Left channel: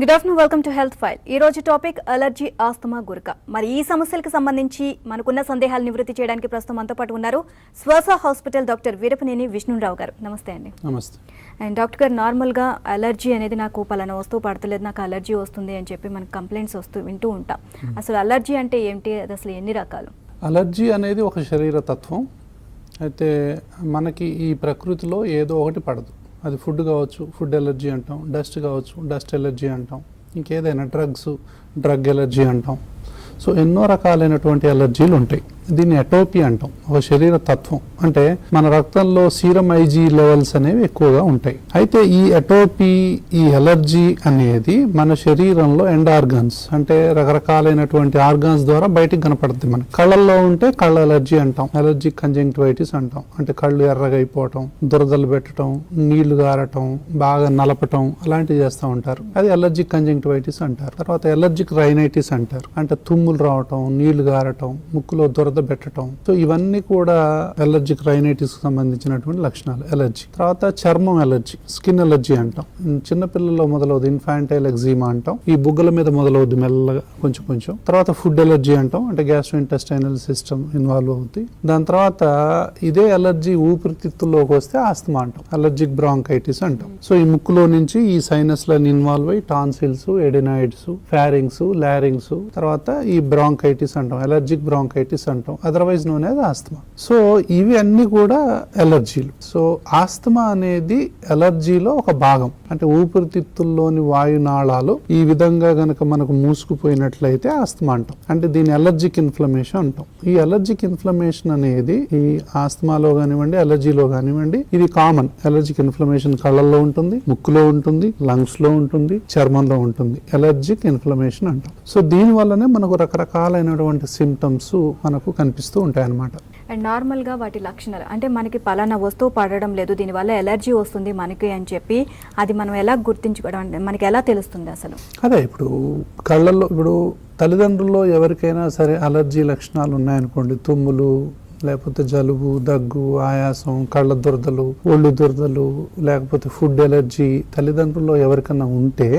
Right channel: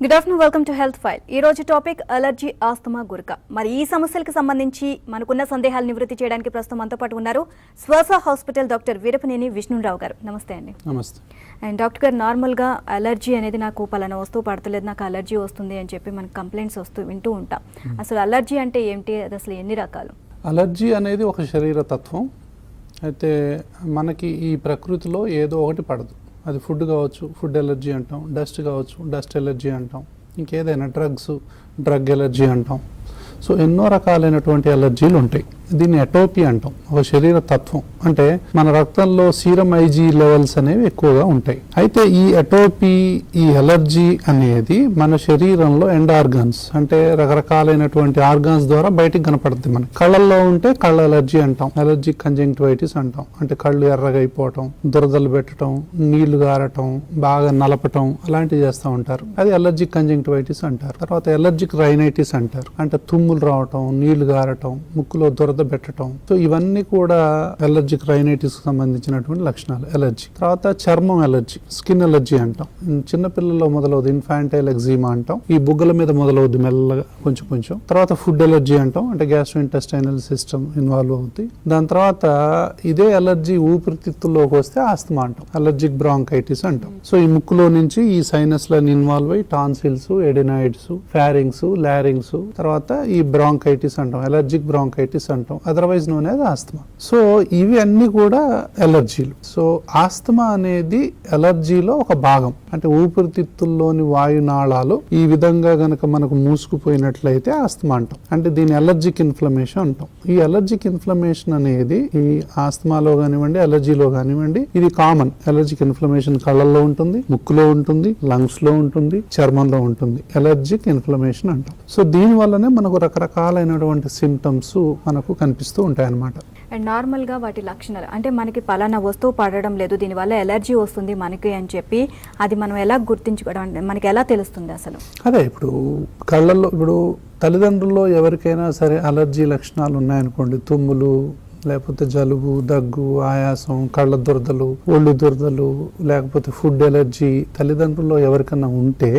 Good afternoon, welcome to health file. ఈ రోజు topic allergy, asthma, గురక. మరి ఈ సమస్యలకు సంబంధించి మనకున్న సందేహాలు నివృత్తి చేయడానికి ప్రస్తుతం మనతో పాటు ఉన్నారు శ్వాస హాస్పిటల్ డాక్టర్ వీరపనేని విష్ణురావు గారు. నమస్తే అండి. నమస్తే. అండ్ డాక్టర్ గారు, నార్మల్గా అలర్జీ అనేది నాకు పలానా వస్తువు పడతలేదు, నాకు అలర్జీ వస్తుంది అని చెప్పి మనకు కంప్లైంట్స్ వింటూ ఉంటాం. అసలు అలర్జీ అంటే ఏంటి, అది అసలు ఎన్ని రకాలు? అలర్జీ అనేది ఒక శరీర తత్వం. అయితే మనకి ఈ ప్రకృతిలో ఏదో ఒకటి పడదు. అది ఫుడ్ కావచ్చు, ఫుడ్ ఎలర్జీ అంటాం. డస్ట్ కావచ్చు, డస్ట్ ఎలర్జీ అంటాం. ఇంకేదైనా డ్రగ్ ఎలర్జీ అంటాం. సో ఎన్నో రకాలైనటువంటి ఎలర్జీలు ఉంటాయి. దీన్ని ఎటోపీ అంటాం, ఒక శరీర తత్వం. అంటే మన రక్తంలో సీరం ఐజీ లెవెల్స్ అనేవి ఎక్కువగా ఉంటాయి. అయితే ఈ ఎటోపీ, ఈ ఎలర్జీ అనేది మన శరీరంలో ఎండ్ ఆర్గన్స్, అంటే రకరకాలైనటువంటి ఆర్గన్స్ ద్వారా బయటికి కనపడుతుంది. మన కళ్ళల్లో ఉంటే కళ్ళ ఎలర్జీ అంటాం, ఎలర్జీ కంజంక్టివైటిస్ అంటాం. అంటే కళ్ళు ఎర్రగా అయిపోవటం, దురదలు పెట్టడం, నీళ్లు గారటం, బాగా నలపటం, అలాంటివి చేస్తూ ఉంటారు. అది ఎలర్జీ కంజంక్టివైటిస్ అంటారు. తర్వాత ఎలర్జిక్ రైనైటిస్ అంటారు, అంటే తుమ్ములు రావటం, నీళ్లు గారటం, ముక్కులో దురద పెట్టడం. సో ఇవన్నీ కూడా ఎలర్జిక్ రైనైటిస్ కి సంబంధించినటువంటి లక్షణాలు. ఎలర్జీ తర్వాత చర్మం ఎలర్జీ, స్కిన్ ఎలర్జీ అంటాం. చిన్నపిల్లల్లో మొదలవుతుంది ఇన్ఫాంటైల్ ఎగ్జిమా అంటాం. ఈ బుగ్గల మీద మొదలవుతుంది మెల్లగా కొంచెం కొంచెం. తర్వాత ఫుడ్ ఎలర్జీ అంటాం, అంటే గ్యాస్ట్రోఇంటెస్టైనల్ సిస్టమ్ ఇన్వాల్వ్ అవుతుంది. దాని తర్వాత ఇదే ఎలర్జీ ఊపిరితిత్తుల్లోకి వస్తే ఆస్తమా అంటాం, ఎలర్జిక్ బ్రాంకైటిస్ అంటాం. సో ఈ ముక్కులో నుంచి ఈ సైనస్ లని ఇన్వాల్వ్ అయ్యి టాన్సిల్స్, ఎడినాయిడ్స్, ఫారింగ్స్, లారింగ్స్, తర్వాత ఈ బ్రాంకైటిస్ అంటాం, ఎలర్జిక్ బ్రాంకైటిస్ అంటాం, otherwise known as asthma. So ఇవి అన్ని కూడా ఎలర్జీలు. సో ఆస్తమా అనేది ఎలర్జీలో ఒక భాగం. అంటే ఊపిరితిత్తుల్లోని వాయునాళాలు ఈ విధంగా గనక మనకు మూసుకుపోయినట్లయితే ఆస్తమా అంటాం. అంటే దీని ఎలర్జిక్ ఇన్ఫ్లమేషన్ అంటాం. ఈ ఎలర్జిక్ ఇన్ఫ్లమేషన్ అనేది ఈ ఆస్తమాలో కానివ్వండి, ఎలర్జీలో కానివ్వండి, ఇది కామన్. ఎలర్జిక్ ఇన్ఫ్లమేషన్ కళ్ళల్లో ఉంటుంది, ముక్కులో ఉంటుంది, లంగ్స్ లో ఉంటుంది, చర్మంలో ఉంటుంది. ఎలర్జిక్ ఇన్ఫ్లమేషన్ అంటాం. సో దీని వల్లనే మనకు రకరకాలైనటువంటి సింప్టమ్స్ మనకు కనిపిస్తూ ఉంటాయి అన్నమాట. అండ్ నార్మల్ గా వాటి లక్షణాలు అంటే మనకి పలానా వస్తువు పడడం లేదు, దీనివల్ల ఎలర్జీ వస్తుంది మనకి అని చెప్పి అది మనం ఎలా గుర్తించుకోవడం, అంటే మనకి ఎలా తెలుస్తుంది అసలు? అదే ఇప్పుడు కళ్ళల్లో, ఇప్పుడు తల్లిదండ్రుల్లో ఎవరికైనా సరే అలర్జీ లక్షణాలు ఉన్నాయనుకోండి, తుమ్ములు, లేకపోతే జలుబు, దగ్గు, ఆయాసం, కళ్ళ దురదలు, ఒళ్ళు దురదలు, లేకపోతే ఫుడ్ ఎలర్జీ తల్లిదండ్రుల్లో ఎవరికైనా ఉంటే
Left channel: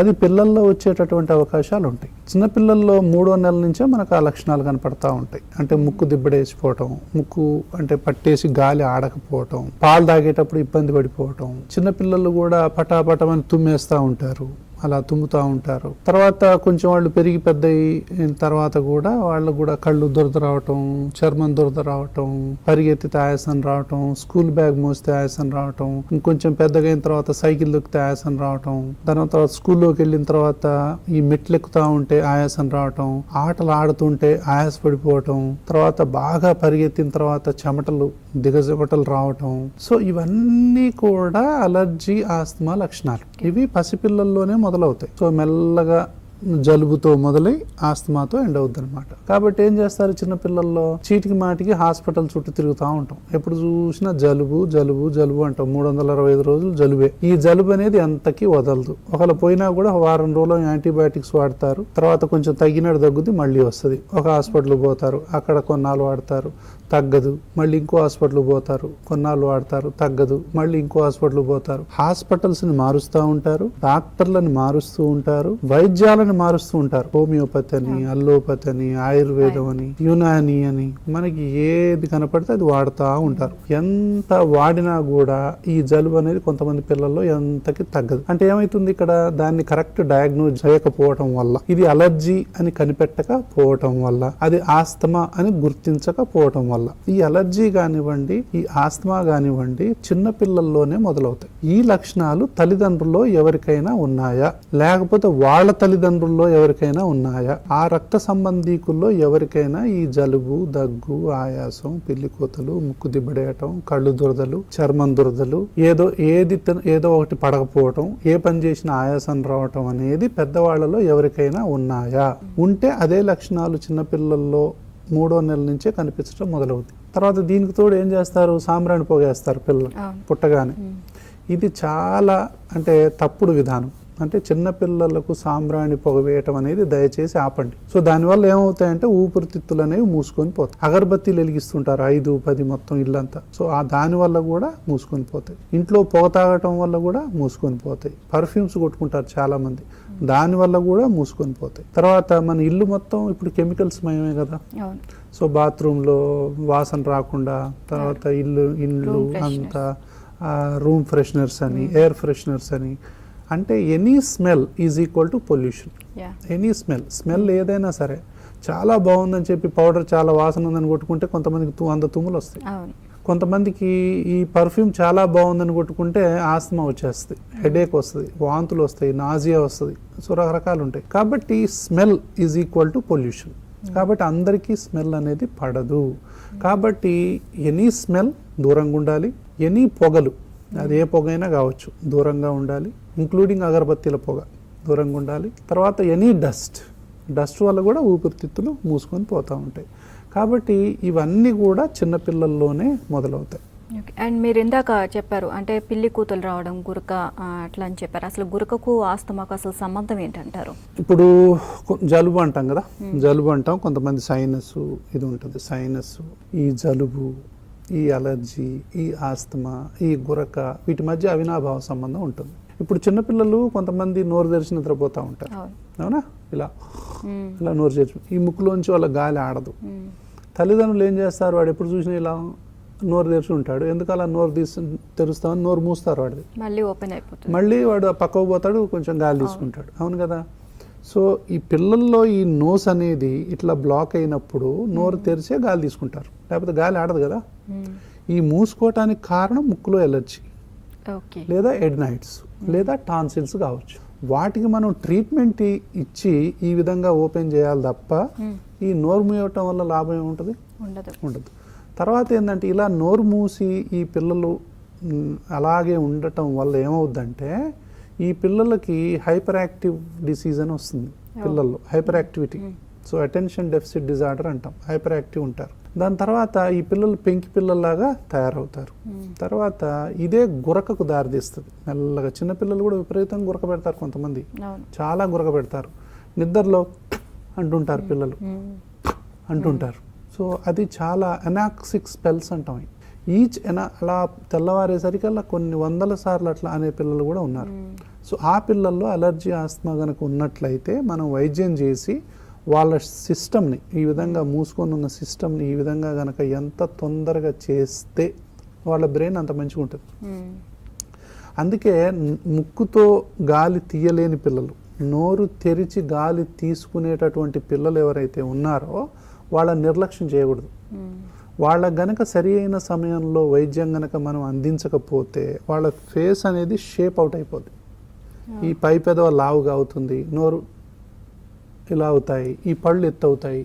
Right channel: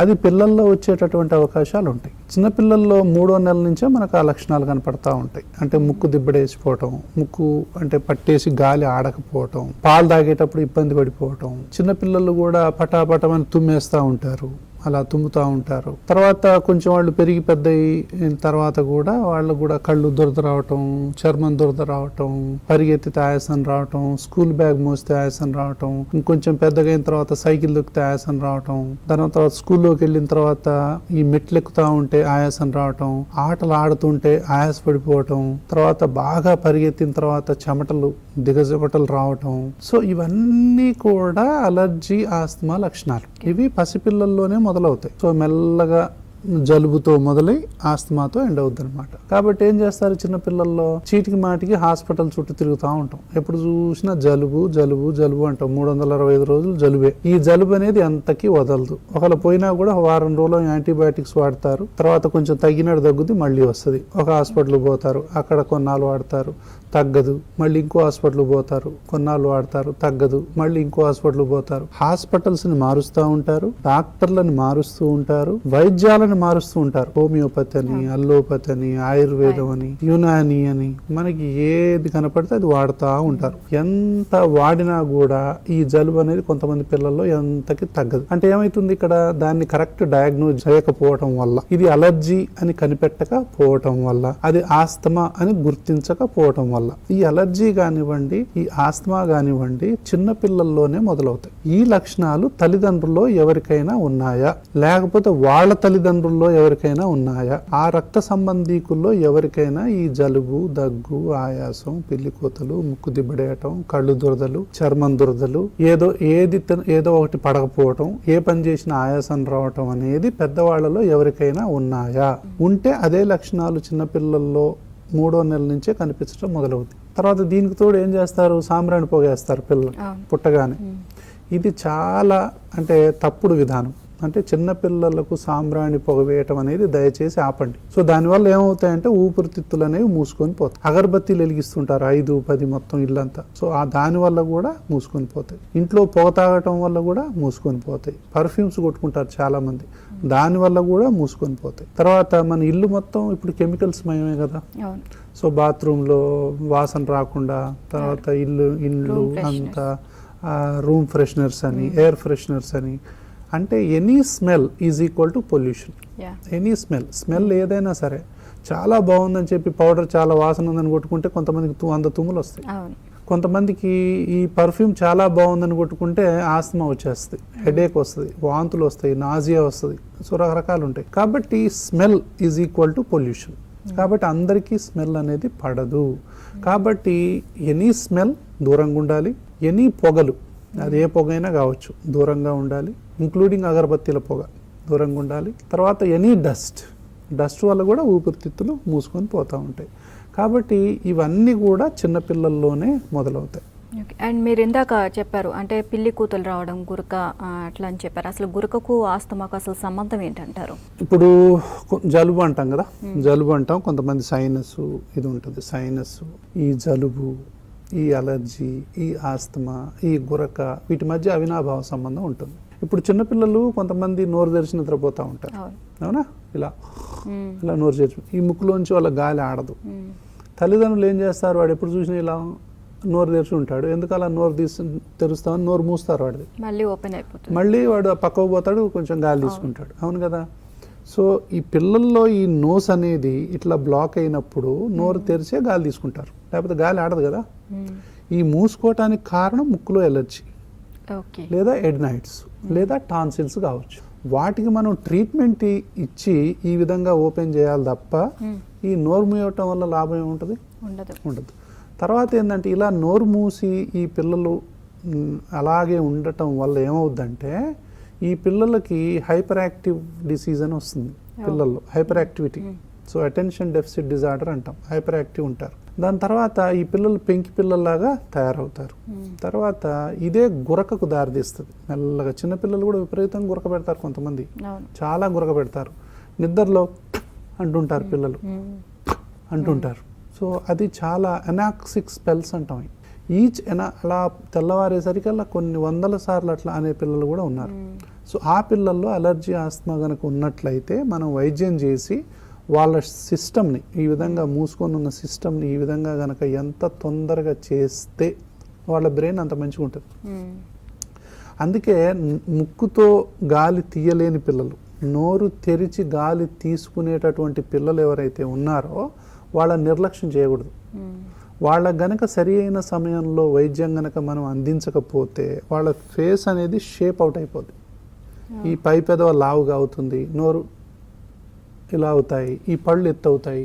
అది పిల్లల్లో వచ్చేటటువంటి అవకాశాలు ఉంటాయి. చిన్నపిల్లల్లో 3వ నెల నుంచే మనకు ఆ లక్షణాలు కనపడతా ఉంటాయి. అంటే ముక్కు దిబ్బడేసిపోవటం, ముక్కు అంటే పట్టేసి గాలి ఆడకపోవటం, పాలు తాగేటప్పుడు ఇబ్బంది పడిపోవటం, చిన్నపిల్లలు కూడా పటాపటమని తుమ్మేస్తా ఉంటారు, అలా తుమ్ముతా ఉంటారు. తర్వాత కొంచెం వాళ్ళు పెరిగి పెద్ద తర్వాత కూడా వాళ్ళు కూడా కళ్ళు దురద రావటం, చర్మం దురద రావటం, పరిగెత్తితే ఆయాసం రావటం, స్కూల్ బ్యాగ్ మోస్తే ఆయాసం రావటం, ఇంకొంచెం పెద్దగా అయిన తర్వాత సైకిల్ దొక్కితే ఆయాసం రావటం, దాని తర్వాత స్కూల్లోకి వెళ్ళిన తర్వాత ఈ మెట్లు ఎక్కుతా ఉంటే ఆయాసం రావటం, ఆటలు ఆడుతుంటే ఆయాస పడిపోవటం, తర్వాత బాగా పరిగెత్తిన తర్వాత చెమటలు, దిగజమటలు రావటం. సో ఇవన్నీ కూడా అలర్జీ, ఆస్తమా లక్షణాలు. ఇవి పసిపిల్లల్లోనే మొదలవుతాయి. సో మెల్లగా జలుబుతో మొదలై ఆస్తమాతో ఎండ్ అవుతుంది అనమాట. కాబట్టి ఏం చేస్తారు, చిన్నపిల్లల్లో చీటికి మాటికి హాస్పిటల్ చుట్టూ తిరుగుతూ ఉంటాం. ఎప్పుడు చూసినా జలుబు జలుబు జలుబు అంటాం. 365 రోజులు జలుబే. ఈ జలుబు అనేది ఎంతకి వదలదు. ఒకవేళ పోయినా కూడా వారం రోజులు యాంటీబయాటిక్స్ వాడతారు. తర్వాత కొంచెం తగ్గినట్టు తగ్గుతుంది, మళ్ళీ వస్తుంది. ఒక హాస్పిటల్కి పోతారు, అక్కడ కొన్నాళ్ళు వాడతారు, తగ్గదు, మళ్ళీ ఇంకో హాస్పిటల్ పోతారు, కొన్నాళ్ళు వాడతారు, తగ్గదు, మళ్ళీ ఇంకో హాస్పిటల్ పోతారు. హాస్పిటల్స్ ని మారుస్తూ ఉంటారు, డాక్టర్లను మారుస్తూ ఉంటారు, వైద్యాలను మారుస్తూ ఉంటారు. హోమియోపతి అని, అల్లోపతి అని, ఆయుర్వేదం అని, యునాని అని, మనకి ఏది కనపడితే అది వాడుతూ ఉంటారు. ఎంత వాడినా కూడా ఈ జలుబు అనేది కొంతమంది పిల్లల్లో ఎంతకి తగ్గదు. అంటే ఏమైతుంది, ఇక్కడ దాన్ని కరెక్ట్ డయాగ్నోజ్ చేయకపోవడం వల్ల, ఇది అలర్జీ అని కనిపెట్టకపోవటం వల్ల, అది ఆస్తమా అని గుర్తించకపోవటం వల్ల ఈ అలర్జీ కానివ్వండి, ఈ ఆస్తమా కానివ్వండి చిన్న పిల్లల్లోనే మొదలవుతాయి. ఈ లక్షణాలు తల్లిదండ్రుల్లో ఎవరికైనా ఉన్నాయా, లేకపోతే వాళ్ళ తల్లిదండ్రుల్లో ఎవరికైనా ఉన్నాయా, ఆ రక్త సంబంధీకుల్లో ఎవరికైనా ఈ జలుబు, దగ్గు, ఆయాసం, పిల్లికోతలు, ముక్కు దిబ్బడేయటం, కళ్ళు దురదలు, చర్మం దురదలు, ఏదో ఒకటి పడకపోవటం, ఏ పని చేసినా ఆయాసం రావటం అనేది పెద్దవాళ్లలో ఎవరికైనా ఉన్నాయా? ఉంటే అదే లక్షణాలు చిన్నపిల్లల్లో 3వ నెల నుంచే కనిపించడం మొదలవుతుంది. తర్వాత దీనికి తోడు ఏం చేస్తారు, సాంబ్రాణి పోగేస్తారు పిల్లలు పుట్టగానే. ఇది చాలా అంటే తప్పుడు విధానం. అంటే చిన్న పిల్లలకు సాంబ్రాణి పొగ వేయటం అనేది దయచేసి ఆపండి. సో దానివల్ల ఏమవుతాయంటే ఊపిరితిత్తులు అనేవి మూసుకొని పోతాయి. అగరబత్తీలు వెలిగిస్తుంటారు 5-10 మొత్తం ఇల్లంతా. సో దాని వల్ల కూడా మూసుకొని పోతాయి. ఇంట్లో పొగ తాగటం వల్ల కూడా మూసుకొని పోతాయి. పర్ఫ్యూమ్స్ కొట్టుకుంటారు చాలా మంది, దాని వల్ల కూడా మూసుకొని పోతాయి. తర్వాత మన ఇల్లు మొత్తం ఇప్పుడు కెమికల్స్ మయమే కదా. అవును. సో బాత్రూమ్ లో వాసన రాకుండా, తర్వాత ఇల్లు Room freshness. అంతా రూమ్ ఫ్రెషనర్స్ అని, ఎయిర్ ఫ్రెషనర్స్ అని, అంటే any smell is equal to pollution. Yeah. Any smell ఏదైనా సరే, చాలా బాగుందని చెప్పి పౌడర్ చాలా వాసన ఉందని కొట్టుకుంటే కొంతమందికి 100 తుమ్ములు వస్తాయి. అవును. కొంతమందికి ఈ పర్ఫ్యూమ్ చాలా బాగుందని కొట్టుకుంటే ఆస్తమా వచ్చేస్తుంది, హెడేక్ వస్తుంది, వాంతులు వస్తాయి, నాజియా వస్తుంది. సో రకరకాలు ఉంటాయి. కాబట్టి smell is equal to pollution. కాబట్టి అందరికీ స్మెల్ అనేది పడదు. కాబట్టి ఎనీ స్మెల్ దూరంగా ఉండాలి. ఎనీ పొగలు, అది ఏ పొగ అయినా కావచ్చు, దూరంగా ఉండాలి. ఇంక్లూడింగ్ అగరబత్తీల పొగ దూరంగా ఉండాలి. తర్వాత ఎనీ డస్ట్ వల్ల కూడా ఊపిరితిత్తులు మూసుకొని పోతూ ఉంటాయి. కాబట్టి ఇవన్నీ కూడా చిన్నపిల్లల్లోనే మొదలవుతాయి. అండ్ మీరు ఇందాక చెప్పారు అంటే పిల్లి కూతులు రావడం, గురక అట్లా అని చెప్పారు. అసలు గురకకు ఆస్తమాకు అసలు సంబంధం ఏంటంటారు? ఇప్పుడు జలుబు అంటాం కదా, జలుబు అంటాం. కొంతమంది సైనస్ ఇది ఉంటుంది. సైనస్, ఈ జలుబు, ఈ అలర్జీ, ఈ ఆస్తమా, ఈ గురక, వీటి మధ్య అవినాభావ సంబంధం ఉంటుంది. ఇప్పుడు చిన్నపిల్లలు కొంతమంది నోరు తెరిచి నిద్రపోతూ ఉంటారు. అవునా? ఇలా ఇలా నోరు తెరిచి, ఈ ముక్కులోంచి వాళ్ళ గాలి ఆడదు. తల్లిదండ్రులు ఏం చేస్తారు, వాడు ఎప్పుడు చూసినా ఇలా నోరు తెరిచి ఉంటాడు. ఎందుకు అలా నోరు తెరుస్తామని నోరు మూస్తారు వాడిది. మళ్ళీ ఓపెన్ అయిపోతుంది. మళ్ళీ వాడు పక్కకు పోతాడు, కొంచెం గాలి తీసుకుంటాడు. అవును కదా? సో ఈ పిల్లల్లో ఈ నోస్ అనేది ఇట్లా బ్లాక్ అయినప్పుడు నోరు తెరిచే గాలి తీసుకుంటారు, లేకపోతే గాలి ఆడదు కదా. ఈ మూసుకోవటానికి కారణం ముక్కులో ఎలర్జీ, లేదా ఎడ్నైట్స్, లేదా టాన్సిల్స్ కావచ్చు. వాటికి మనం ట్రీట్మెంట్ ఇచ్చి ఈ విధంగా ఓపెన్ చేయాలి తప్ప ఈ నోరు మూయటం వల్ల లాభం ఏముంటుంది? ఉండదు. తర్వాత ఏంటంటే ఇలా నోరు మూసి ఈ పిల్లలు అలాగే ఉండటం వల్ల ఏమవుద్దంటే ఈ పిల్లలకి హైపర్ యాక్టివ్ డిసీజ్ అని వస్తుంది. పిల్లల్లో hyper activity, so attention deficit disorder అంటాం. హైపర్ యాక్టివ్ ఉంటారు. దాని తర్వాత ఈ పిల్లలు పెంకి పిల్లల్లాగా తయారవుతారు. తర్వాత ఇదే గురకకు దారితీస్తుంది మెల్లగా. చిన్నపిల్లలు కూడా విపరీతంగా గురక పెడతారు. కొంతమంది చాలా గురక పెడతారు. నిద్రలో అంటుంటారు, పిల్లలు అంటుంటారు. సో అది చాలా ఎనాక్సిక్ స్పెల్స్ అంటాం. అలా తెల్లవారేసరికి అలా కొన్ని 100 సార్లు అట్లా అనే పిల్లలు కూడా ఉన్నారు. సో ఆ పిల్లల్లో అలర్జీ, ఆస్తమా కనుక ఉన్నట్లయితే మనం వైద్యం చేసి వాళ్ళ సిస్టమ్ని, ఈ విధంగా మూసుకొని ఉన్న సిస్టమ్ని ఈ విధంగా కనుక ఎంత తొందరగా చేస్తే వాళ్ళ బ్రెయిన్ అంత మంచిగా ఉంటుంది. అందుకే ముక్కుతో గాలి తీయలేని పిల్లలు, నోరు తెరిచి గాలి తీసుకునేటటువంటి పిల్లలు ఎవరైతే ఉన్నారో వాళ్ళ నిర్లక్ష్యం చేయకూడదు. వాళ్ళ గనక సరి అయిన సమయంలో వైద్యం గనక మనం అందించకపోతే వాళ్ళ ఫేస్ అనేది షేప్ అవుట్ అయిపోతుంది. ఈ పై పెదవ లావుగా అవుతుంది, నోరు ఇలా అవుతాయి, ఈ పళ్ళు ఎత్తు అవుతాయి.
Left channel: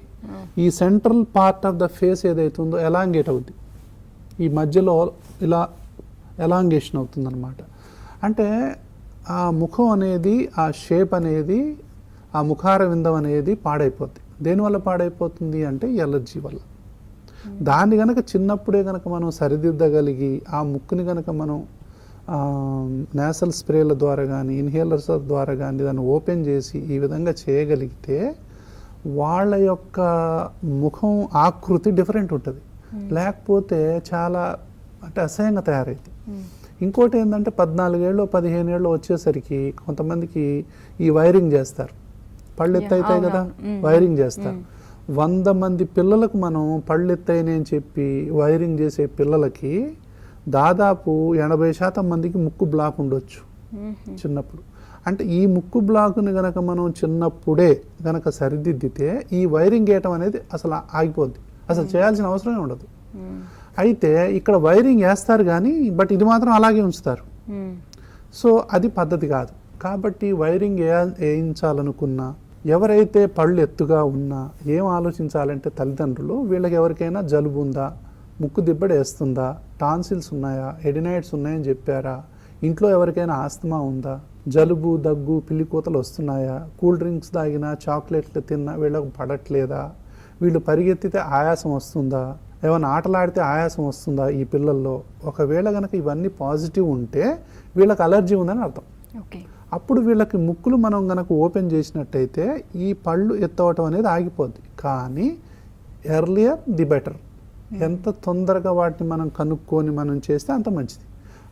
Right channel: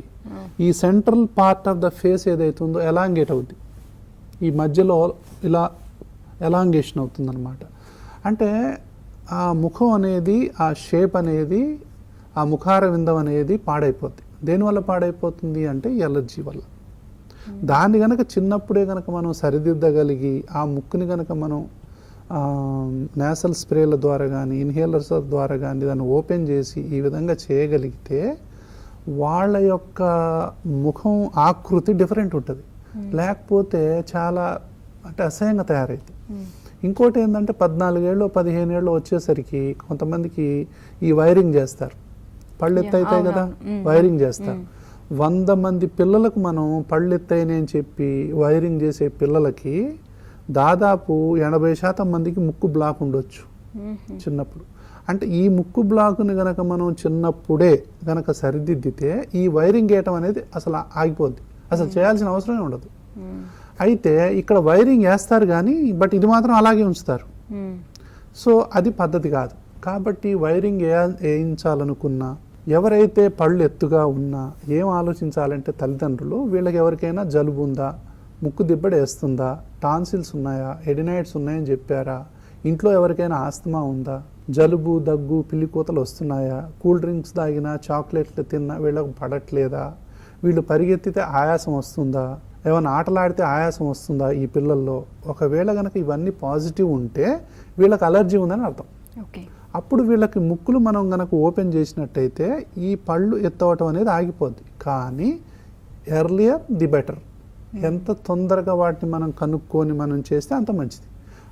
ఈ central part of the face ఏదైతుందో ఎలాంగేట్ అవుతుంది, ఈ మధ్యలో ఇలా ఎలాంగేషన్ అవుతుంది అనమాట. అంటే ఆ ముఖం అనేది, ఆ షేప్ అనేది, ఆ ముఖార విందం అనేది పాడైపోతుంది. దేనివల్ల పాడైపోతుంది అంటే ఎలర్జీ వల్ల. దాన్ని కనుక చిన్నప్పుడే కనుక మనం సరిదిద్దగలిగి ఆ ముక్కుని కనుక మనం నేసల్ స్ప్రేల ద్వారా కానీ ఇన్హేలర్స్ ద్వారా కానీ దాన్ని ఓపెన్ చేసి ఈ విధంగా చేయగలిగితే వాళ్ళ యొక్క ముఖం ఆకృతి డిఫరెంట్ ఉంటుంది. లేకపోతే చాలా అంటే అసహ్యంగా తయారైంది. ఇంకోటి ఏంటంటే 14 ఏళ్ళు 15 ఏళ్ళు వచ్చేసరికి కొంతమందికి ఈ వైరింగ్ చేస్తారు. పళ్ళు ఎత్తైతాయి కదా, వైరింగ్ చేస్తారు. 100 మంది పిల్లలకు మనం పళ్ళు ఎత్తైనాయి అని చెప్పి వైరింగ్ చేసే పిల్లలకి దాదాపు 80% మందికి ముక్కు బ్లాక్ ఉండొచ్చు చిన్నప్పుడు. అంటే ఈ ముక్కు బ్లాక్ని గనక మనం చిన్నప్పుడే గనక సరిదిద్దితే ఈ వైరింగ్ వేయటం అనేది అసలు ఆగిపోద్ది, అసలు చేయాల్సిన అవసరమే ఉండదు. అయితే ఇక్కడ వైరింగ్ వేస్తారు కానీ బట్ ఇది మాత్రం అలాగే ఉంచుతారు. సో అది పద్ధతి కాదు. కాబట్టి వైరింగ్ వేయించాలనుకున్నా, ఎవరైతే పళ్ళు ఎత్తుగా ఉన్నా ఏం ఆలోచించాలంటే తల్లిదండ్రులు, వీళ్ళకి ఎవరికైనా జలుబు ఉందా, ముక్కు దిబ్బడి వేస్తుందా, టాన్సిల్స్ ఉన్నాయా, ఎడినైట్స్ ఉన్నాయని చెప్పారా, ఇంట్లో ఎవరికైనా ఆస్తమా ఉందా, జలుబు, దగ్గు, పిల్లికూతలు వస్తున్నాయా, కూల్ డ్రింక్స్ తాగినా, చాక్లెట్లు తిన్నా వీళ్ళకి పడట్లేదా, వీళ్ళు పరిగెత్తితే ఆయాసం వస్తుందా, ఏమైనా ఆటలాడితే ఆయాసం వస్తుందా ఈ పిల్లల్లో. ఒకవేళ కనుక ఇవన్నీ పాజిటివ్ ఉంటే వీళ్ళకి అలర్జీ ఉందని అర్థం. అప్పుడు వీళ్ళకి ముక్కులు మనం గనక ఓపెన్ చేసినట్టయితే ఈ పళ్ళు ఎత్తవటం అనేది ఆగిపోద్ది. కానీ ఎర్లియర్ ది బెటర్. ఎంత తొందరగా వాటిని మనం కనుక్కొని మనం చేస్తే అంత మంచిది.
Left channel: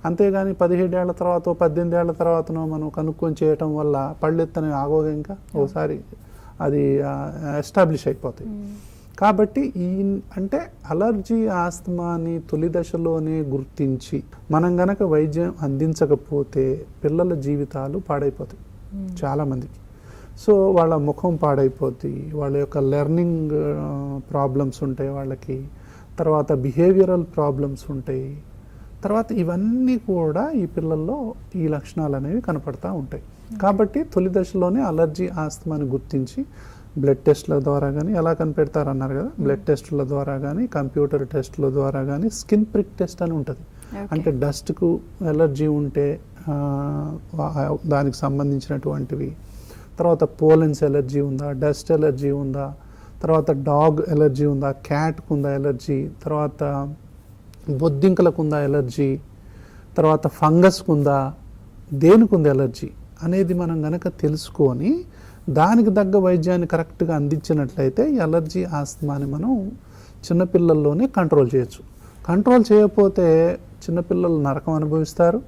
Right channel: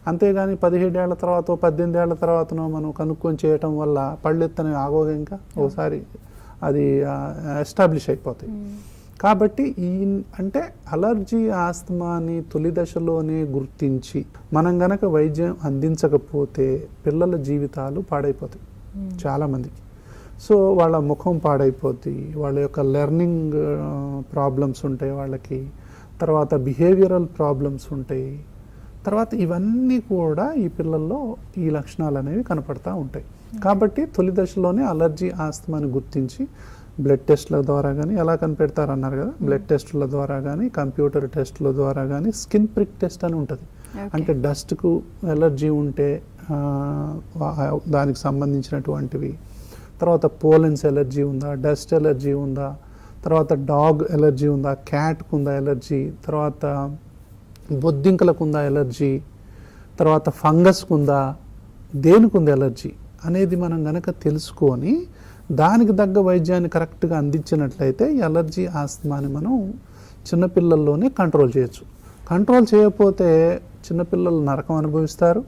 అంతేగాని 17 ఏళ్ల తర్వాత 18 ఏళ్ల తర్వాతనో మనం కనుక్కొని చేయటం వల్ల పళ్ళు ఎత్తనే ఆగోదు, ఇంకా ఒకసారి అది ఎస్టాబ్లిష్ అయిపోతాయి. కాబట్టి అంటే అలర్జీ ఆస్తమాని తొలి దశలోనే గుర్తించి మనం గనక వైద్యం అందించకపోతే పిల్లల జీవితాలు పాడైపోతాయి చాలా మందికి. సో వాళ్ళ ముఖం పాడైపోద్ది, వాళ్ళ యొక్క లెర్నింగ్ ప్రాబ్లమ్స్ ఉంటాయి వాళ్ళకి, తర్వాత బిహేవియరల్ ప్రాబ్లమ్స్ ఉంటాయి, తర్వాత ఇవన్నీ కూడా ఈ పిల్లల్లో ఈ లక్షణాలు అనేవి కనపడతా ఉంటాయి. కాబట్టి తొలి దశలోనే అలర్జీ ఆస్తమాని గుర్తించి బ్లడ్ టెస్ట్ల ద్వారా కానీ, ఎలా కనిపెడతారన్నారు కదా, బ్లడ్ టెస్టుల ద్వారా కానీ, కంప్యూటర్ టెస్టుల ద్వారా కానీ, స్కిన్ ప్రిక్ టెస్ట్ అని ఉంటుంది. అంటే డస్ట్కు ఎలర్జీ ఉంటే దానికి సంబంధించినటువంటివి, తర్వాత పోలెన్స్ ఎలర్జీ ఉందా, డస్ట్ ఎలర్జీ ఉందా, తర్వాత డాగ్ ఎలర్జీ ఉందా, క్యాట్కు ఉందా ఎలర్జీ, తర్వాత బొద్దింకలకు ఉందా ఎలర్జీ, తర్వాత ఫంగస్కు ఉందా, దేనికి ఉంది ఎలర్జీ అనేది మనం గనక తెలుసుకొని దానికి తగ్గ వైద్యాన్ని కరెక్ట్గా అందించినట్లయితే ఈ అలర్జీ ఆస్తమాని మనం చిన్నపిల్లల్లోనే కంట్రోల్ చేయొచ్చు. కంట్రోల్ చేయకపోతే చిన్నపిల్లలు నరకం అనుభవిస్తారు.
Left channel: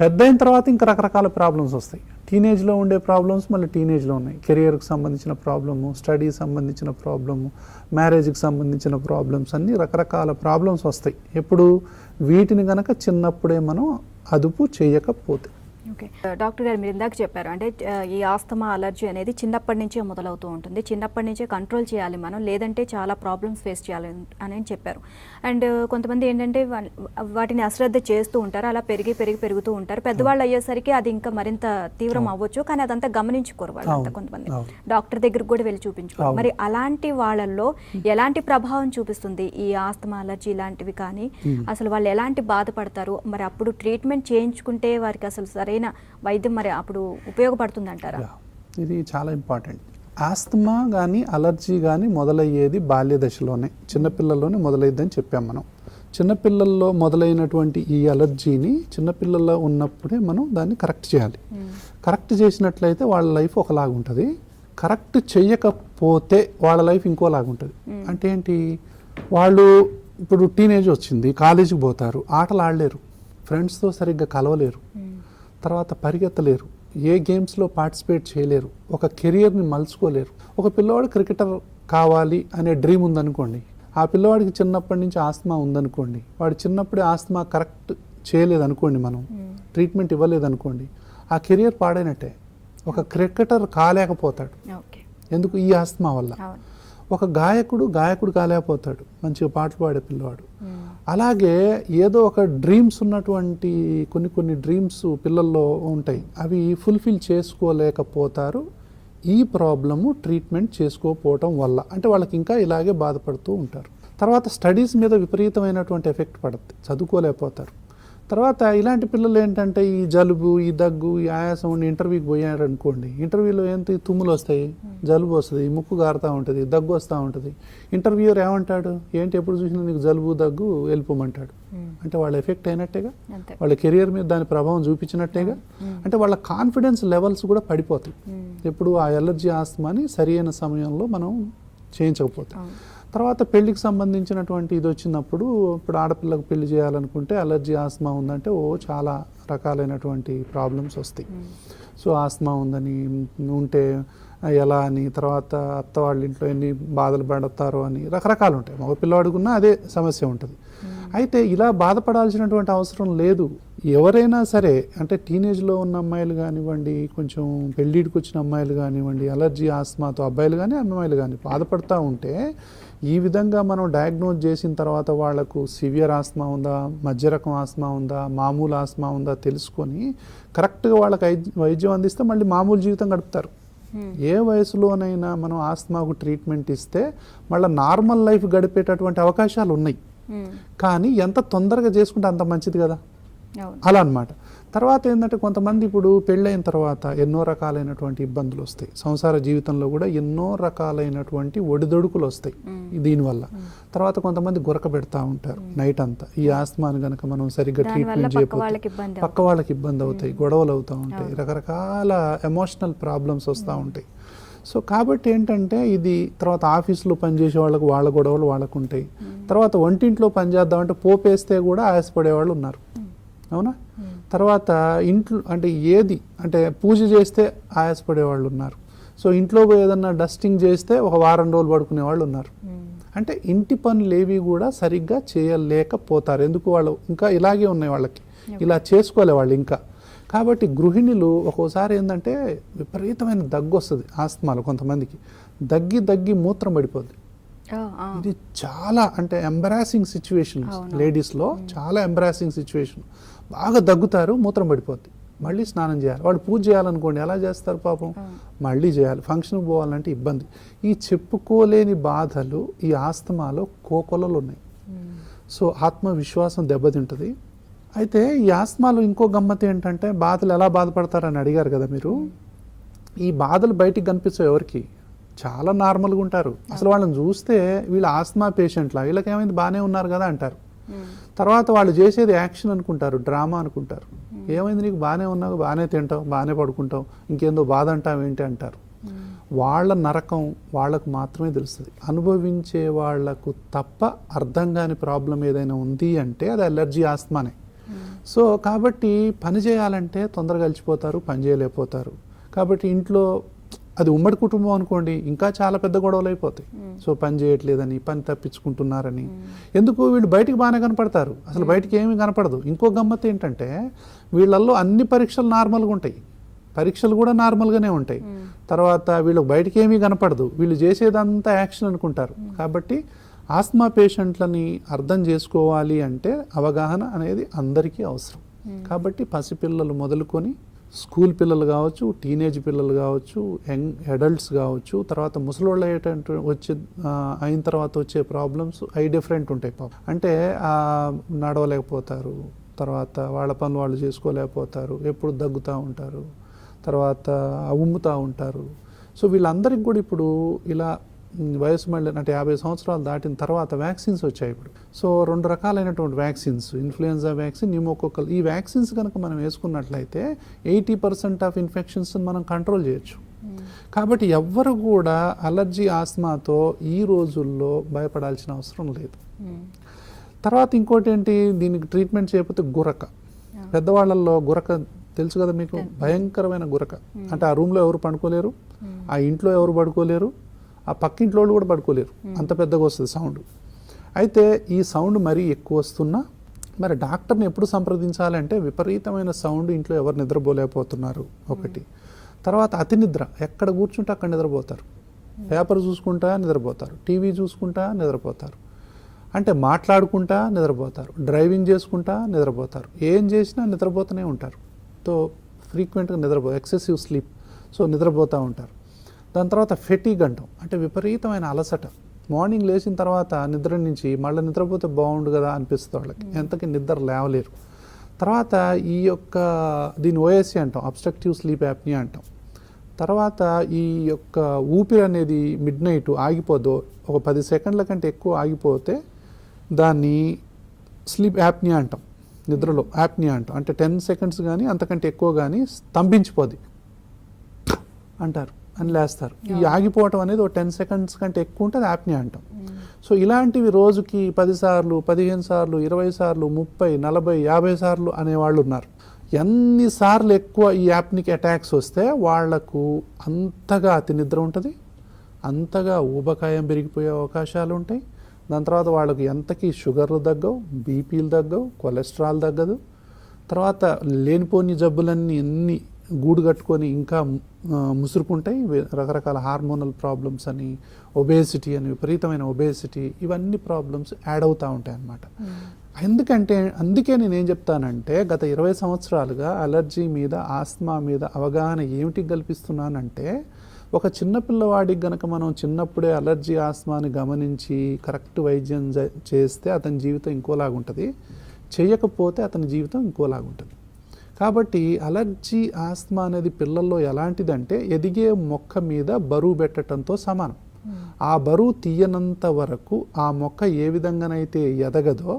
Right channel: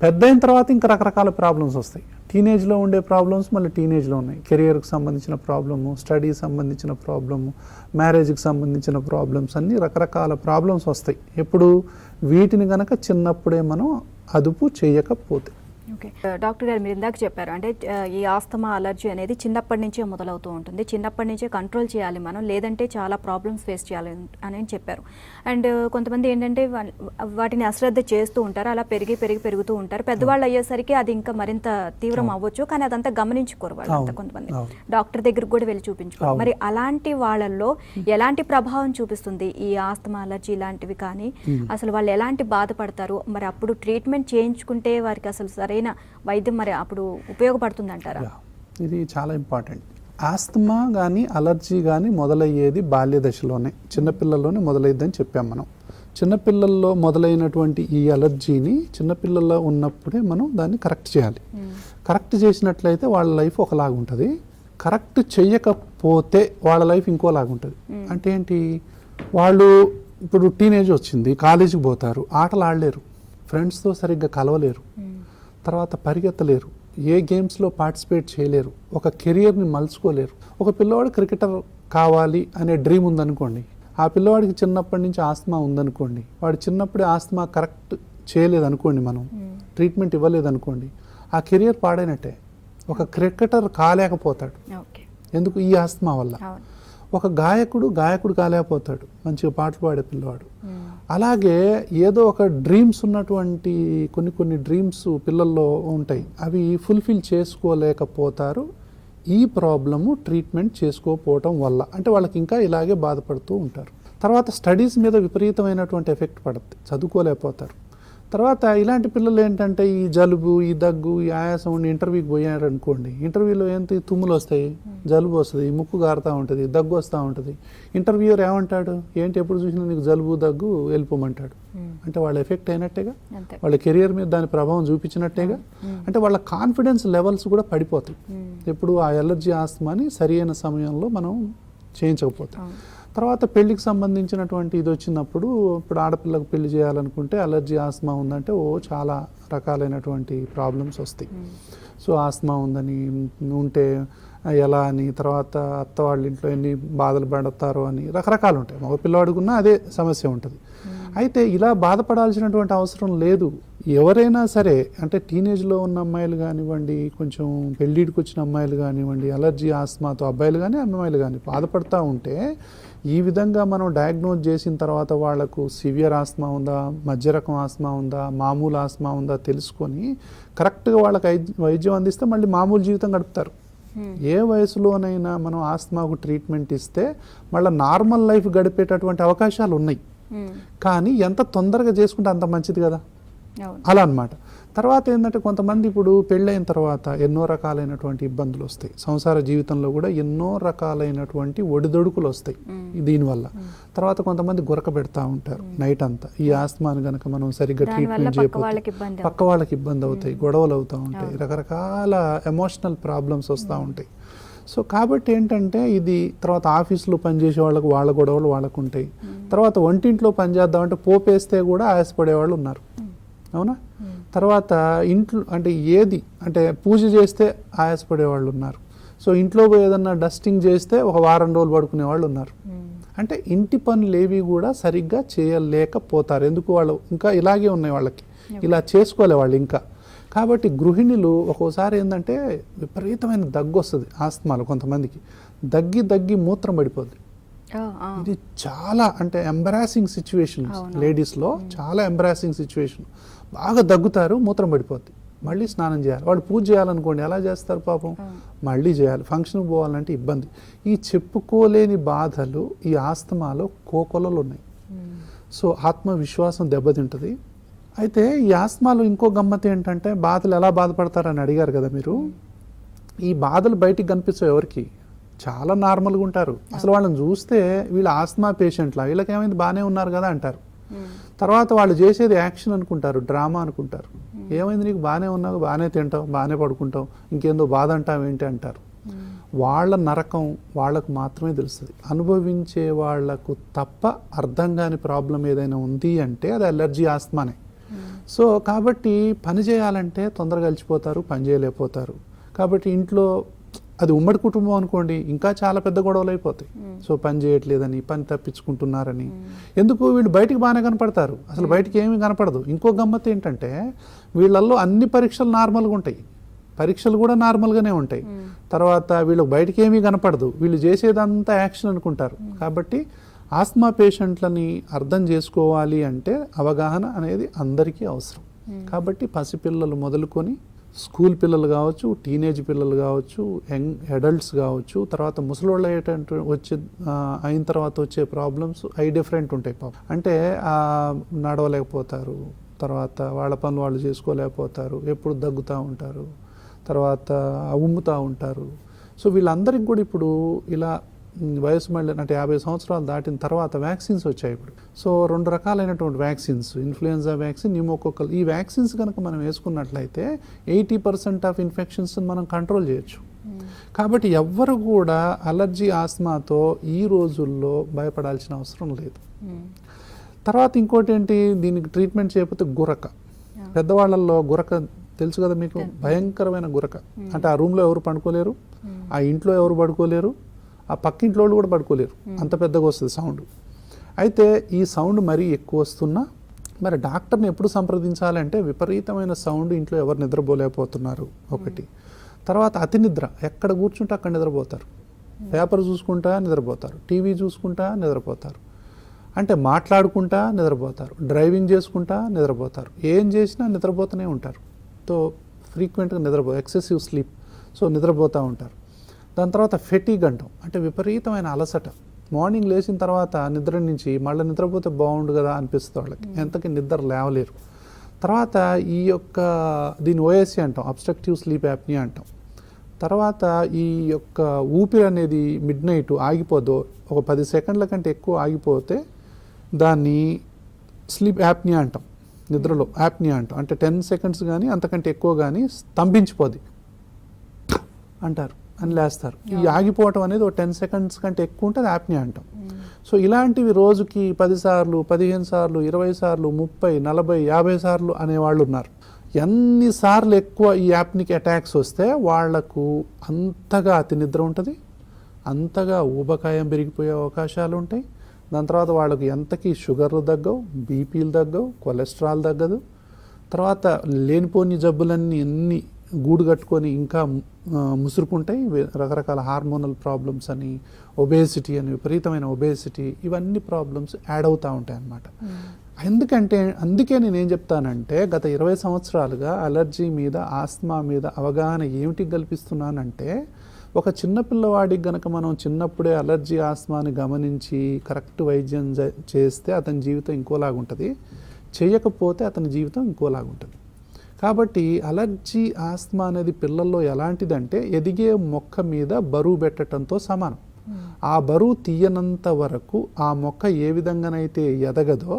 పెద్ద అయిన తర్వాత ఇంకా రకరకాల ప్రాబ్లమ్స్ వస్తాయి. టీనేజ్లో ఉండే ప్రాబ్లమ్స్ మళ్ళీ టీనేజ్లో ఉన్నాయి. కెరియర్కి సంబంధించిన ప్రాబ్లము, స్టడీకి సంబంధించిన ప్రాబ్లము, మ్యారేజ్కి సంబంధించిన ప్రాబ్లమ్స్, అన్ని రకరకాల ప్రాబ్లమ్స్ వస్తాయి. ఎప్పుడు వీటిని గనక చిన్నప్పుడే మనం అదుపు చేయకపోతే. డాక్టర్ గారు మీరు ఇందాక చెప్పారు, అంటే ఈ ఆస్తమా అలర్జీ అనేది చిన్నప్పటి నుంచే మొదలవుతూ ఉంటుంది, చిన్నప్పటి నుంచే కంట్రోల్ చేయాలి మనం, లేదంటే చాలా ప్రాబ్లమ్స్ ఫేస్ చేయాలి అని చెప్పారు. అండ్ కొంతమంది ఏంటంటే వాటిని అశ్రద్ధ చేస్తూ ఉంటారు, అలా పెరుగుతూ ఉంటారు. పెద్దవాళ్ళు అయ్యేసరికి అది ఇంకా మరింత తీవ్రం అవ్వచ్చు, కానీ అదంతా గమనించుకోరు వాళ్ళంతా. కొంతమంది డాక్టర్ దగ్గర కూడా వెళ్ళి చూపించుకోరు. మరి అలాంటి వాళ్ళల్లో ఎలాంటి ప్రభావం చూపిస్తుంది ఈ ఆస్తమా అలర్జీ ఇలాంటివి? కానీ అసలు వాళ్ళు ఎలాంటి బాధపడతారు? మరి అప్పుడు ట్రీట్మెంట్ చేయించుకుంటే వారికి అసలు సరైన వైద్యం మరి అప్పుడు ఉపయోగపడుతుంది అంటారా? ఇది చాలా ఇంపార్టెంట్. ఆస్తమా కానీ అలర్జీ కానీ మొదలయ్యేది బాల్య దశలోనే, చిన్నపిల్లల్లోనే మొదలయ్యేదని చెప్పాము మనం. చిన్నపిల్లల్లో మొదలైనటువంటి ఈ అలర్జీని చిన్నపిల్లల్లో ఉన్నప్పుడే మనం దాన్ని కరెక్ట్ చేయాలి. కరెక్ట్ చేసినట్లయితే వాళ్ళ లైఫ్ ఒకలాగా ఉంటుంది, కరెక్ట్ చేయకపోతే వాళ్ళ లైఫ్ ఇంకోలాగా ఉంటుంది. అంటే ఏంటి, వాళ్ళు ఇప్పుడు టీనేజ్ వచ్చింది, కాలేజీకి పోతారు, ఆటలు ఆడలేరు, ఫ్రెండ్స్తో సరిగ్గా కలవలేరు, తర్వాత పరిగెత్తలేరు, ఏ గేమ్స్లో పార్టిసిపేట్ చేయలేరు, ఒక కెరియర్ని మలుచుకోలేరు. ఒక పిల్లవాడు క్రికెటర్ కావాలి అనే డ్రీమ్ ఉందనుకోండి, ఆ పిల్లవాడికి చిన్నప్పటి నుంచి ఆస్తమా ఉందనుకోండి, వాడు చిన్నప్పుడే ఆస్తమా కరెక్ట్ చేయలేదనుకోండి, మనం ట్రీట్మెంట్ ఇవ్వలేదనుకోండి, ఆ కెరియర్ పాడైనట్టే. ఒక క్రికెటర్ కాలేకపోతాడు, ఎందుకు? ఈ ఆస్తమా వల్ల. ఒక గాయకుడు కాలేకపోతాడు, మంచిగా పాటలు పాడే పిల్లవాడు. అలాగే ఏదో ఒక డ్రీమ్స్ ఉన్నటువంటి కొన్ని డ్రీమ్స్ పిల్లల్లో ఉంటాయి, అవి ఫుల్ఫిల్ చేసుకోలేకపోతారు ఈ ప్రాబ్లము ట్రీట్మెంట్ చేసుకోకపోవటం వల్ల. అంటే వాళ్ళకి ఇంకా ఇలాగే బాధపడుతూ ఉంటారు. తర్వాత స్టడీస్ మీద విపరీతమైనటువంటి ఎఫెక్ట్ పడుతుంది, చదువుకోలేకపోతారు. తర్వాత ఇలాంటి పిల్లలు ఏంటంటే ఈ జలుబు, ఈ దగ్గు, ఈ ఆయాసం ఉండి ఇంటర్వ్యూకి పోయాడు అనుకోండి, ఇంటర్వ్యూలో ఏంటి, తుమ్ములు వస్తాయి, జలుబు వస్తుంది, ముక్కు గారుతూ ఉంటుంది, దగ్గు వస్తూ ఉంటుంది. ఇంటర్వ్యూయర్ ఏమంటాడు, ఏంటి ఎప్పుడు చూసినా నీకు జలుబు దగ్గు, వెళ్ళిపోమంటాడు. అంటే వాళ్ళ ఎఫెక్ట్ అయినట్టేగా, వాళ్ళ కెరియర్ మీద దాని ప్రభావం చూపించినట్టేగా. అంటే వాళ్ళ కాన్ఫిడెన్స్ లెవెల్స్ కూడా పడిపోతాయి ఎప్పుడు ఆ ఎలర్జీ ఆస్తమాని సరైన సమయంలో మనం చేయించకపోతాం. తర్వాత పెళ్లికి సంబంధించినటువంటి ఇది వచ్చినప్పుడు, ఇప్పుడు ఆడపిల్లకు పెళ్లి చేయాలనుకుంటే అలర్జీ ఆస్తమా ఉందంటే చాలా రకాలైనటువంటి ప్రాబ్లమ్స్ వస్తాయి. సో ఆస్తమా ఉందని ఉంటే ఎలా అని, తర్వాత అత్త వాళ్ళ ఇంట్లో ఎన్ని బాధలు పడతారో అని రకరకాలు ఉంటాయి. మగ పిల్లవాడుకున్నా అదే సమస్య ఉంటుంది. అయితే ఇలా బాధపడాల్సినటువంటి అవసరం లేదు. ఎవరైనా సరే, అంటే టీనేజ్లో ఉన్న అమ్మాయిలు కానివ్వండి, కొంచెం పెళ్ళిడికి వచ్చిన అమ్మాయిలు కానివ్వండి, అలర్జీ ఆస్తమాతో అబ్బాయిలు కానీ అమ్మాయిలు కానీ బాధపడతా ఉంటే ఈ విధంగా మనం డయాగ్నోజ్ చేసిన తర్వాత వాళ్లకు సివియర్ ఆస్తమా ఉందా, మధ్య రకం ఆస్తమా ఉందా, మామూలు ఆస్తమా ఉందా తెలుసుకొని కరెక్ట్గా వాళ్ళకి వైద్యం అందిస్తే మళ్ళీ మామూలు జీవితం గడుపుతారు. ఏ వయసులోనైనా మనం ఆస్తమాకు ట్రీట్మెంట్ ఇస్తే మళ్ళీ నార్మల్ లైఫ్ గడిపేటటువంటి అవకాశాలు ఉన్నాయి. కానీ ఎంత తొందరగా చేసుకుంటే అంత మంచిది కదా. అవును. అలా అన్నమాట. తర్వాత ఏంటంటే కొంతమంది ఇప్పుడు పెళ్ళైన తర్వాత ఎన్నో రకాలైనటువంటి ఇబ్బందులు వస్తాయి. సంసార జీవితంలో కూడా ఎన్నో రకాలైనటువంటి ఒడిదొడుకులు వస్తాయి దీనివల్ల. తర్వాత కొంతమంది గురక పెడతా ఉంటారు నైట్ అంతా. ఈ ఆస్తమాని కనుక మనం సరిగ్గా దానివల్ల ట్రీట్మెంట్ పక్క చేయకపోతే వాళ్ళకి ఇబ్బంది పక్క వాళ్ళకి ఇబ్బంది అవుతాయి, గొడవలు అవుతూ ఉంటాయి, రకరకాల ఎమోషనల్ ప్రాబ్లమ్స్ వస్తూ ఉంటాయి. సో కాబట్టి ఏంటంటే ఇది తర్వాత ఆఫీస్లో పనిచేసే వాళ్ళకు వాళ్ళ గొడవలు వాళ్ళకు ఉంటాయి. తర్వాత వంటింట్లో పనిచేద్దామంటే పోపేస్తే కూడా ఆయాసపడేవాళ్ళు ఉన్నారు, అవునా? తర్వాత ఇంట్లో అంటే ఏది అంటే పూజ చేస్తే ఆయాసపడేవాళ్ళు ఉన్నారు. సో ఇంట్లో ఏదన్నా డస్టింగ్ చేస్తే ఒక వారం రోజులు పడుకునే వాళ్ళు ఉన్నారు. అంటే ఇంటి పనులు ఏవి కూడా సరిగ్గా చేయలేకపోతారు. ఎందుకు? వాళ్ళు ఇంకా ఇలాగే ఉన్నాయి, వాళ్ళకి ఇలా చేసుకోలే వాళ్ళు ఇంకా. కాబట్టి గృహిణులు ఒక్కోసారి ఏంటంటే విపరీతమైన దగ్గు వస్తుంది ఆస్తమాలు. కొంతమందికి దగ్గి దగ్గి మూత్రం పడిపోతుంది. ఇది చాలా అంటే ఎంబరాసింగ్ సిచ్యువేషన్ లేడీస్లో, చాలా ఎంబరాసింగ్ సిచ్యువేషన్. బాగా దగ్గుతారు, మూత్రం పడిపోద్ది, మళ్ళీ స్నానం చేయాలి. వాళ్ళు పూజ చేయాలనుకోండి, ఎలా చేస్తారు పాపం? మళ్ళీ చేయాలి. ఫంక్షన్ పోవాలంటే ఇబ్బంది. ఈ చెప్పుకోలేని బాధలు ఈ ఆస్తమాలో కోకొలలు ఉన్నాయి. సో ఆత్మవిశ్వాసం దెబ్బతింటుంది. అయితే ఈ ఆస్తమాలు ఇంకో గమ్మత్ ఏంటంటే బాధలు ఎలా బాధపడతారని అడిగారు కదా మీరు. ఈ బాధలు బయటికి కనిపిస్తాయి ఎవరికి? చాలా నార్మల్గా ఉంటారు. అసలు వాళ్ళని చూస్తే వీళ్ళు ఆస్తమా పేషెంట్లా, వీళ్ళకి ఏమైంది బాగానే ఉన్నారు కదా అంటారు. తర్వాత వాళ్ళు చేసేది యాక్షన్ అనుకుంటారు, డ్రామా అనుకుంటారు. ఏమైంది నీకు? బాగానే ఉన్నావు, బాగానే తింటావు, బాగానే పడుకుంటావు, ఇంకేందో బాధ అంటావు ఏంటి అంటారు. వాళ్ళ నరకం వాళ్ళకు మాత్రమే తెలుస్తుంది. అనుభవించే వాళ్లకు తప్ప అర్థం కాని ప్రాబ్లం ఏదైనా ఉంది అంటే అది అలర్జీ, ఆస్తమానే. సో కాబట్టి పని చేయాలంటే తొందరగా అలసిపోతారు, పని చేయలేకపోతారు. కాబట్టి ఇంట్లో అది ఉమ్మడి కుటుంబం అనుకోండి, ఇంకా చాలా పెద్ద గొడవలు అయిపోతాయి. సో పని చేయట్లేదని, పని తప్పించుకుంటున్నారని. ఎందుకు? వీళ్ళు బయటికి బాగానే కనపడతారు, అసలు బయటికి ఏమీ కనపడదు. ఇంకో గమ్మత్ ఏంటంటే వీళ్ళల్లో అన్ని పరీక్షలు నార్మల్గా ఉంటాయి, పరీక్షలు కూడా నార్మల్గానే ఉంటాయి. తర్వాత వీళ్ళు బయటికి ఏమీ కనపడదు, వీళ్ళు చేసేదంతా యాక్షన్ అనుకుంటారు. కాబట్టి ఆస్తమా పేషెంట్లని అర్థం చేసుకోవాలి అంటే అవగాహన అనేది అందరికీ అవసరం. కాబట్టి పసిపిల్లలు మొదలుకొని స్కూల్ పిల్లలు కావచ్చు, టీనేజ్ పిల్లలు కావచ్చు, యంగ్ అడల్ట్స్ కావచ్చు, తర్వాత ముసలోళ్ళు అయిన తర్వాత వచ్చే ప్రాబ్లమ్స్ డిఫరెంట్ ఉంటాయి. అంటే నడవలేకపోతారు, తర్వాత వాళ్ళ పనులు వాళ్ళు చేసుకోలేకపోతారు, ఎప్పుడు దగ్గుతూ ఉంటారు, తర్వాత ఉమ్ముతూ ఉంటారు. సో వీళ్ళందరికీ కూడా ఇప్పుడు ఇలా వయసు మళ్ళీ అంటే 50 సంవత్సరాలు దాటిన తర్వాత వ్యాక్సిన్స్ వచ్చాయి ఇప్పుడు. సో 2 రకాలైనటువంటి వ్యాక్సిన్స్, ఇన్ఫ్లుయెన్జా వ్యాక్సిన్, న్యూమోకోకల్. ఈ వ్యాక్సిన్స్ కనుక మనం వేసుకున్నట్లయితే 80% ఆఫ్ ఇన్ఫెక్షన్స్ మనం కంట్రోల్ చేయొచ్చు. కాబట్టి ఎవ్వరు కూడా అలర్జీ, ఆస్మాతో ఈ రోజుల్లో భయపడాల్సిన అవసరం లేదు. తర్వాత ఇంకోటి ఏంటి, దీనికి ట్రీట్మెంట్ చేయకపోతే గురక. పెద్దవాళ్ళల్లో గురక తెలుసు కదా మీకు, భయంకరమైన గురక. అంటే ఆ రూమ్లో ఎవరు పడుకోలేరు, ఆ ఇంట్లో ఎవరు పడుకోలేరు, ఆ పక్కింట్లో కూడా పడుకోలేరు, అంత పెద్దగా వస్తుంది సౌండ్. అయితే ఈ సౌండ్ మరీ ఎక్కువ వస్తున్నా మరి డాక్టర్ని ఎప్పుడు సంప్రదించాలంటే విపరీతమైన సౌండ్ ఇంట్లో ఎవరు నిద్రపోలేకపోతున్నారు ఒకటి. తర్వాత అతి నిద్ర, ఎక్కడ కూర్చుంటే అక్కడ నిద్రపోతారు, పేపర్ చూసుకుంటా నిద్రపోతారు, టీవీ చూసుకుంటా నిద్రపోతారు, అంటే మాట్లాడుకుంటా నిద్రపోతారు, డ్రైవింగ్ చేసుకుంటా నిద్రపోతారు, ఏం చేసినా నిద్రపోతూనే ఉంటారు. సో ఫ్రీక్వెంట్గా నిద్రపోతారు, ఎక్సెసివ్ స్లీప్. సో నిద్రపోతూ ఉంటారు. దాని తర్వాత ఫెటీగ్ అంటాం, అంటే విపరీతమైన అలసట. మార్నింగ్ లేచిన తర్వాత నిద్ర నుంచి మళ్ళీ నిద్రపోతే బాగుండు కదా అనిపిస్తుంది వాళ్ళకి, ఎంతకి నిద్ర లేవలేరు. తర్వాత దీని ఓఎస్సీ అంటాం, అబ్స్ట్రక్టివ్ స్లీప్ యాప్నియా అంటాం. తర్వాత ఈ యొక్క ఊపిరి అనేది మిడ్ నైట్ ఆగిపోదు, ఒక 10 సెకండ్ల కంటే ఎక్కువ ఆగిపోతే దాన్ని స్లీప్ యాప్నియా అంటాం, నిద్రలో యాప్నియా అంటాం. అంటే 10 సెకండ్స్ కానీ అంతకంటే ఎక్కువ కానీ స్తంభించిపోది అంటారు అని లేస్తారు. ఈ ఆగిపోవటం అనేది ఒక 10 సెకండ్స్ కంటే ఎక్కువ ఉంటుంది, యాప్నియా అంటాం. సో ఇలాంటివి రోజుకి 10 సార్లు, 15 సార్లు, 20 సార్లు, 30, 40, 50 సార్లు అనేవాళ్ళు ఉన్నారు. ఎన్నిసార్లు ఎక్కువ ఈ యాప్నికి అటాక్స్ వస్తే వాళ్లకు అంతగా అతి నిద్ర ఉంటుంది, అంతగా ఊబకాయం పెరిగిపోయే అవకాశాలు ఉంటాయి. దాని తర్వాత వాళ్ళకి ఎంతకీ షుగర్లు తగ్గవు, బీపీలు తగ్గవు, కొలెస్ట్రాల్ తగ్గదు. తర్వాత లేనిపోని జబ్బులన్నీ ఎన్ని గూడు కట్టుకొని ఇంకా ముసురుకుంటాయి. రకరకాల హార్మోనల్ ప్రాబ్లమ్స్ అని, ఒబేసిటీ అని, విపరీతమైన ఒబేసిటీ, ఇవన్నీ ప్రాబ్లమ్స్ యాడ్ అవుతూ ఉంటాయి అన్నమాట. అందుకే నేనేం చెప్తానంటే గత 20 సంవత్సరాలుగా అలర్జీ మీద, ఆస్మా మీద అవగాహన ఏమిటి కల్పిస్తున్నానంటే, ఒక చిన్న పిల్లవాడికి గనక మనం చిన్నప్పుడే అలర్జీ, ఆస్మాని గమనించి కరెక్ట్ వైద్యం చేస్తే అతని జీవితం ఇంకోలాగుంటుంది. చేయకపోతే అతని జీవితం ఇంకోలాగుంటుంది. కాబట్టి అలర్జీ ఆస్తమా అనేది పిల్లల్లో ఎలాంటిదంటే ఎదిగే మొక్క మీద బరువు పెట్టడంతో సమానం. ఆ బరువు తీయనంత వరకు ఆ మొక్క ఏ విధంగానైతే ఎదగదో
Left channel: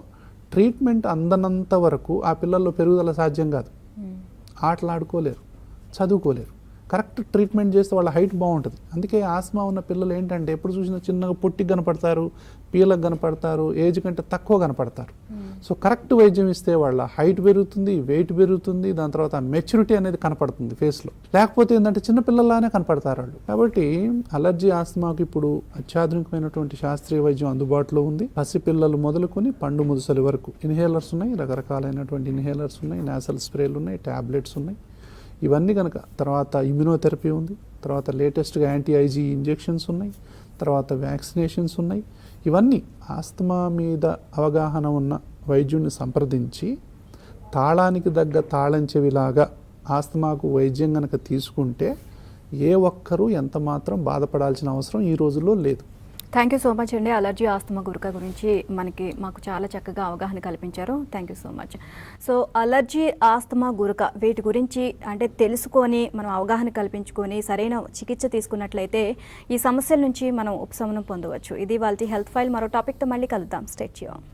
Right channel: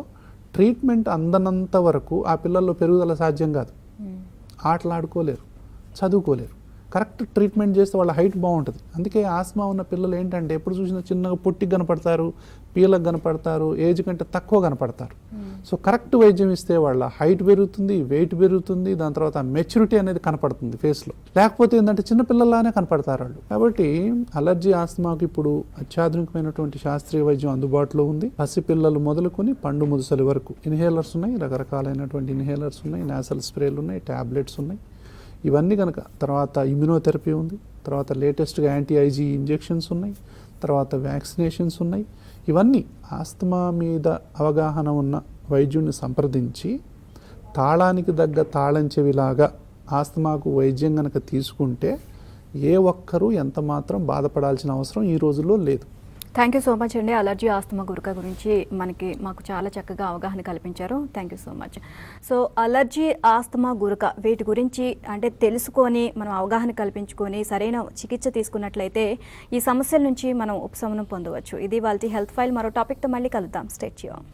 ట్రీట్మెంట్ అందనంత వరకు ఆ పిల్లల్లో పెరుగుదల సాధ్యం కాదు. ఆటలాడుకోలేరు, చదువుకోలేరు. కరెక్ట్ ట్రీట్మెంట్ చేస్తే వాళ్ళ హైట్ బాగుంటుంది. అందుకే ఆస్మా ఉన్న పిల్లలు ఏంటంటే ఎప్పుడు చూసినా చిన్నగా పొట్టి కనపడతారు, పీలకు కనపడతారు, ఏజ్ కంటే తక్కువ కనపడతారు. సో కరెక్ట్ వైద్యం ఇస్తే వాళ్ళ హైట్ పెరుగుతుంది, వెయిట్ పెరుగుతుంది, దాని తర్వాత మెచ్యూరిటీ అనేది కనపడుతుంది ఫేస్లో. లేకపోతే ఏంటంటే చిన్నపిల్లలానే కనపడతారు వాళ్ళు. కాబట్టి అలర్జీ ఆస్మాకి ఇప్పుడు అత్యాధునికమైనటువంటి శాస్త్రీయ వైద్యం అందుబాటులో ఉంది. పసిపిల్లలు మొదలుకొని పండు ముదుసలి వరకు ఇన్హేలర్స్ ఉన్నాయి, రకరకాలైనటువంటి ఇన్హేలర్స్ ఉన్నాయి, నాసల్ స్ప్రేలు ఉన్నాయి, టాబ్లెట్స్ ఉన్నాయి. ఇవన్నీ కనుక తర్వాత ఇమ్యునోథెరపీ ఉంది, తర్వాత లేటెస్ట్గా యాంటీ ఐజీ ఇంజెక్షన్స్ ఉన్నాయి, తర్వాత వ్యాక్సినేషన్స్ ఉన్నాయి. ఇవన్నీ ఆస్తమా మీద అవగాహన ఉన్న వైద్యుని సంప్రదించి తాళానికి తగ్గ తాళం చెవిలాగా ఆస్తమాకు వైద్యం కనుక తీసుకుంటే ఏ ఒక్కరూ ఎంత మాత్రం బాధపడాల్సిన అవసరం ఈ రోజుల్లో లేదు. థ్యాంక్ యూ సో మచ్ అండి. అలర్జీ ఆస్తమా గురక గురించి మాకు చాలా చక్కగా అవగాహన కల్పించారు. Thank you so much. So allergy asthma గురక వీటి గురించి అంటే తెలుసుకొని మనం అవగాహన కల్పించుకొని సరైన చికిత్స తీసుకున్నట్లయితే ఈ సమస్య నుంచి మనం ఉపశమనం పొందవచ్చు. ఇది వాళ్ళ హెల్త్ ఫైల్. మరో టాపిక్తో మళ్ళీ కలుద్దాం. Stay tuned.